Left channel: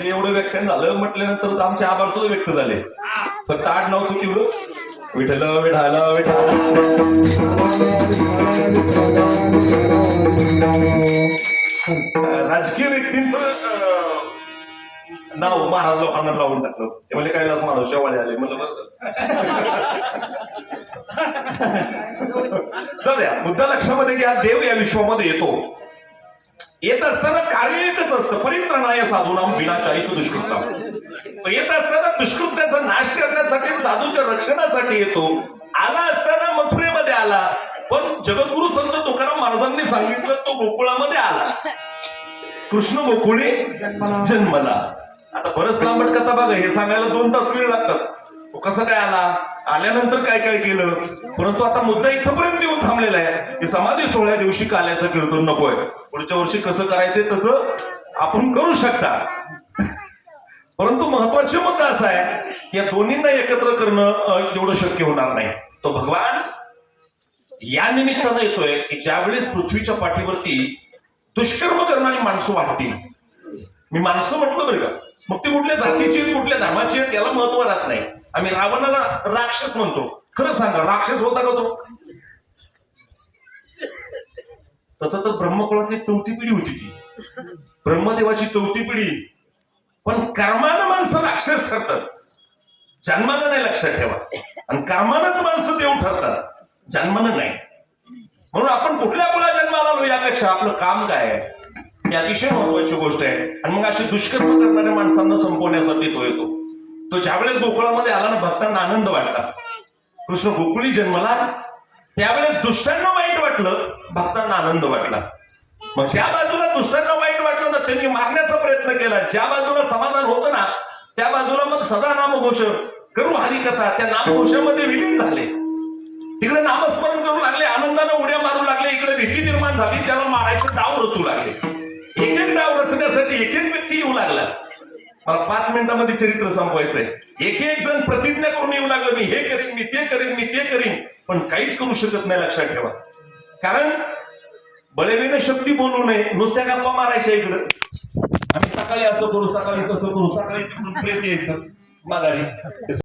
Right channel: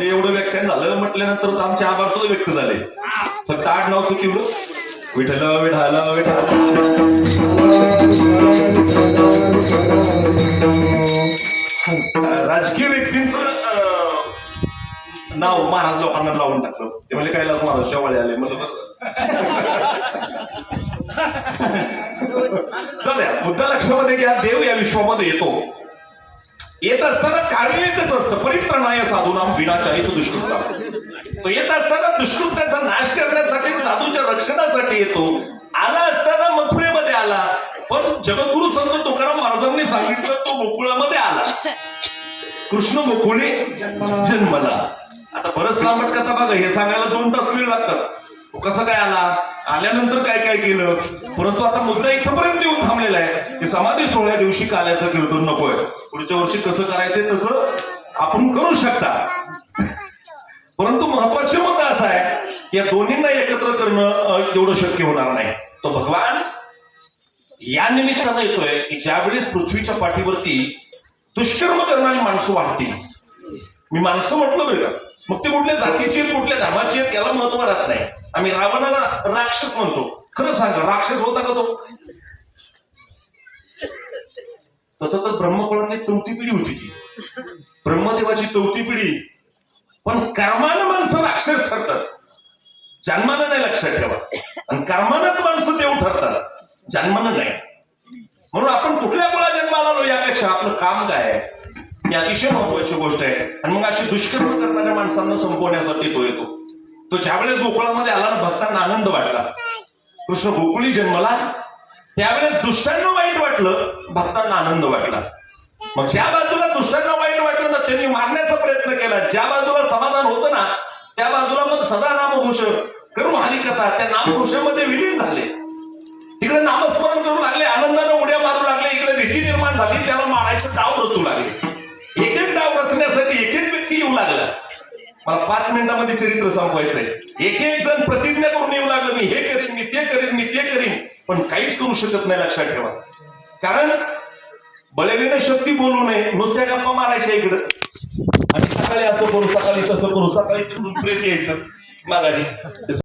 ते एवढं व्याख्यान झालं म्हटल्यानंतर आमचे आभार सुद्धा व्यक्त झाले. फक्त आठ नाव चुकिवलं. विठल विठाल विठाल. राजकीय व्यक्तींच नाव महाराज लोकांना लावून टाकलं. ते म्हणजे कैलास महाराज शेवाळे आले. म्हणजे बरं. मुद्दा लक्षामध्ये घ्या. देव या विश्वामध्ये येतो. येत असताना कार्य एकच असतं. साधूनाम विनाशाही दुष्कृता तो येत असताना दुष्कृत्याचा नाश करण्यासाठी साधूच्या रक्षणासाठी येतो. आला असताना मथुरेमध्ये आला. पण जगद्गुरु संत तुकाराम महाराजांनी सांगितलं तो गोकुळामध्ये आला. कृष्ण गोकुळे जन्मला. आता बरंच लांबट कथा बघा हे सांगायला दोन तास वेळ लागतात. तो कसा काय आला? आल्यानंतर काय काय केलं? परंतु आता मुद्दा इथपर्यंत येऊन थांबलेला आहे. की समाधी सोहळ्या दिवशी काल्याचं कीर्तन नकोय. पुढच्या वर्षी कसं करायचंय तसं आपण करू शकता. परंतु महत्त्वाचा मुद्दा असा आहे की या दोन्हींना एकत्र करणं तेवढं एवढं शक्य होणार नाही. तो भगवान या निमित्तानं येतोय की ज्यावेळेस पृथ्वीच्या पाठीवरती दुष्कर्म करणारी माणसं वाढतील. मी माणसं म्हटलं बरं का? मग ते कुठल्या जातीची आहेत कुठल्या धर्माची आहेत याला महत्त्व राहत नाही. आम्ही रावणाला राक्षस म्हणतो. खरं सांगा राक्षस होता का तो? तसं तर ब्रह्मकुळातली चौथी पिढी होती ती. ब्रह्मदेवाची चौथी पिढी. पण कर्मानं माणसं राक्षस ठरतात. जन्मानं नाही लक्षात ठेवा. आणि कर्मानंच माणसं देव ठरतात. जन्मानं नाही. म्हणून आपण कुठल्या आपला जन्माला आलो यापेक्षा आपलं काम काय आहे? ही अतिशय महत्वाची गोष्ट आहे. आणि मग अशी दुष्कर्म करणाऱ्या माणसांना संपवण्यासाठी तो येतो. तो ज्यावेळेस गोकुळामध्ये आला ना भक्तांना आनंद वाटला कृष्ण गोकुळी जन्मला त्यावेळेस दुष्टांना वाईट वाटलं भक्तांना आनंद वाटला. मग ज्या बाजूला दुसऱ्यांना वाईट वाटलं ना त्यांनी मारण्याचा प्रयत्न केला. ज्या बाजूला समाधान होतं ना त्या बाजूला मग सदा नामघोष करून हरिकथा त्या नामघोषामध्ये विलीन झाले. तिकडे नामस्मरण करू लागले आनंदाने उड्या मारू लागले इकडे भीती निर्माण झाली त्याला मारायचे डाव रचू लागले. एक एक डाव रचण्यासाठी एक एक व्यक्ती येऊ लागला. मला पाच मिनिटांमध्ये चरित्र संपवायचंय. एक एक जण प्रतिज्ञा करून येऊ लागलं मी हे करीन मी ते करीन मी ते करीन पण काहीच करू शकत नाही लक्षात ठेवा. कारण बलवीने शक्ती बोलू नये नुसत्या गप्पा मारायच्या इकडं. आणि सकाळी असं करू सकाळी तसं करू सकाळी तिकडून प्रेत यायचं. माघारी.